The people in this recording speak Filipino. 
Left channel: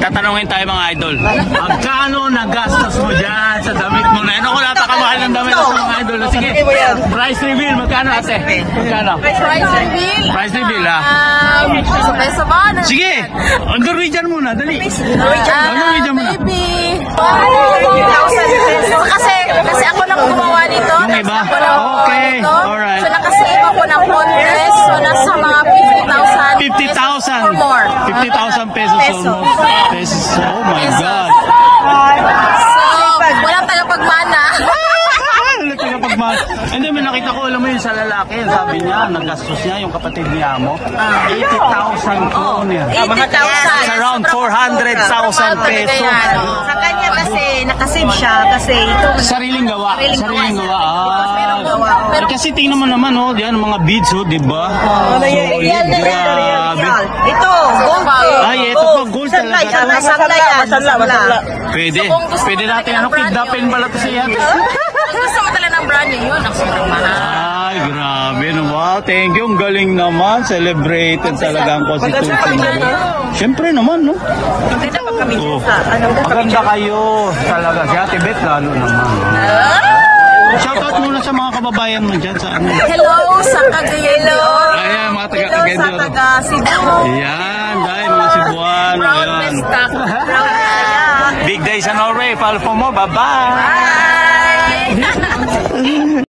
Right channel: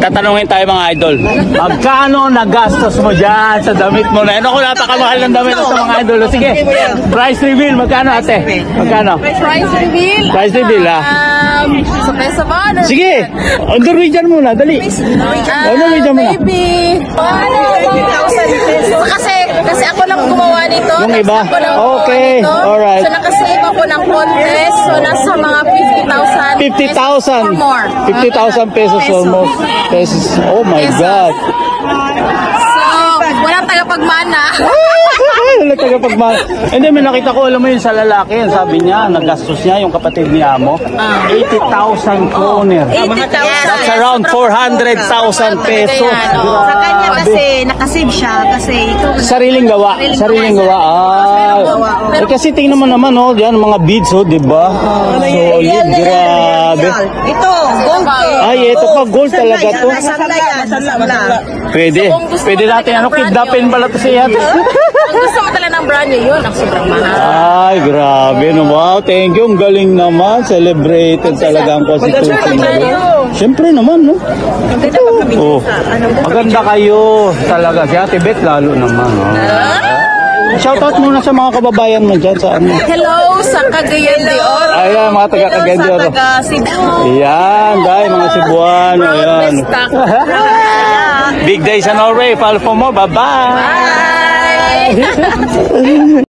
Tatanungin tayo mga idol. Magkano nagastos mo dyan sa damit mo na? Ano ko napakamahal ng damit mo sa mga idol? Sige, price reveal. Magkano ate? Magkano? Price reveal? Price reveal ha? Sa peso ba? Sige, on Norwegian muna, dali. Norwegian muna. Maybe 50,000 pesos. Kasi ako lang gumawa nito. Yung iba? Okay, alright. So nakasave ako ng contest. So nasa mga 50,000 50,000 more. 50,000 pesos or more. Pesos. Oh my God. So, walang tagapagmana. Wala tagapagmahal. Hindi, may nakita ko, alam mo yun sa lalaki, yan, sabi niya, nagastos niya, yung kapatid niya mo, 80,000 kroner. 80,000. That's around 400,000 pesos. Sa kanya kasi, nakasave siya kasi ito. Sariling gawa. Sariling gawa. Eh, kasi tingnan mo naman, oh, yan, mga beads, oh, di ba? Solid, grabe. Ito, gold. Ay, ito pa, gold talaga to. Masala. Pwede natin, ano, kidnapin pala to siya. Ang gusto mo talaga ng brand new yun, ang sobrang mahal. Ay, grabe, no. Wow, thank you. Ang galing naman. Celebrated talaga ang Constitution. Siyempre naman, no? Oh, maganda kayo talaga. Si Ate Beth, lalo naman. Shoutout muna sa mga kababayan mo dyan sa ano. Hello sa Cagayan de Oro. Ayan, mga taga Cagayan de Oro. Hello sa taga Cebu. Ayan, dahil mga Cebuano. Ayan. Big day sa Norway. Follow for more. Bye-bye. Bye.